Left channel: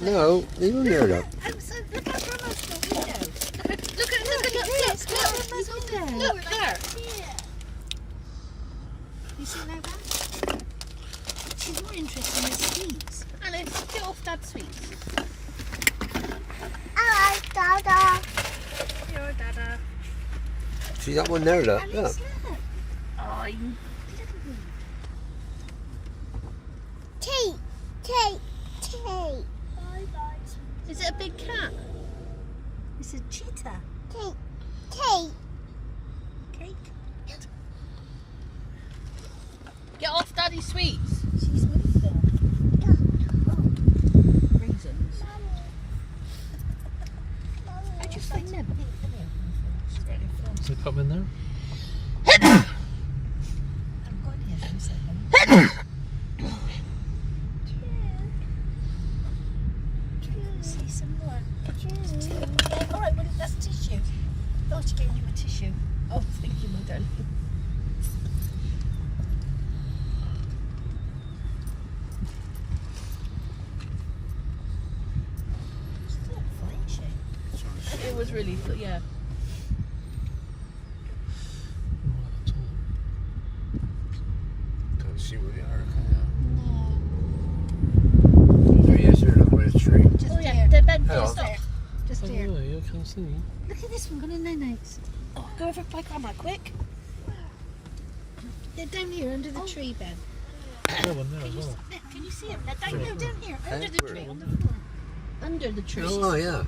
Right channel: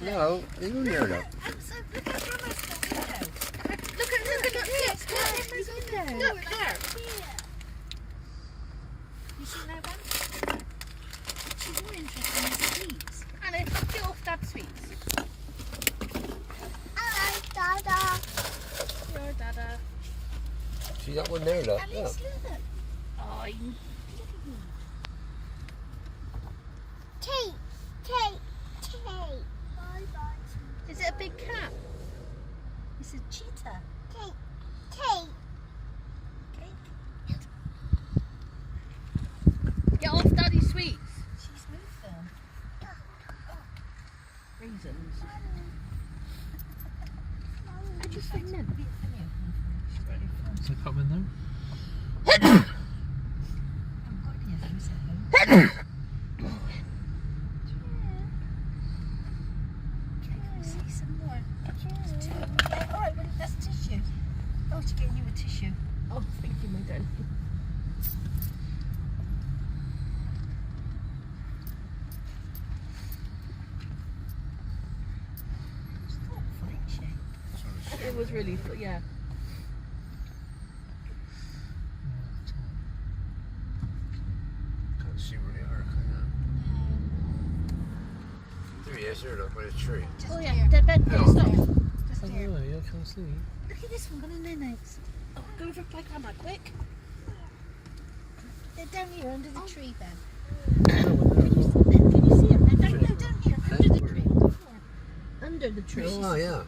No, leave them near enough. Look at Grandma's window. Look Grandma's window. Look there. You see that one? She's more interested in the sweets. Alice, get off Dad's sweets. Hello, Dada. Your Dada. See that one there, look. Alice, Look. look. Oh, look at me. Tea. Is it a big cat? It's a cheetah. Tea. Cake. Get off Daddy's sweets. She's moved there. Reasons. I just find them. Is there a cup in there? I've got here for a second. See some more. Alright, well, that's tissue. I'll have to get you a tissue. Oh, thank you, my darling. It's quite fine shape. It was really, yeah. Can't see where they are, can you? Oh, yes, here, look by the tree. Oh yeah, the bed Oh. is up. Just Oh, here. yeah, you can't see. Look at this one in there next. Oh, go over by Grandma, quick. They're down here under the tree, Ben. No one there Can as you well. see, Ben? Can you see them? They're down here under the tree. Under the tree. Oh, yeah.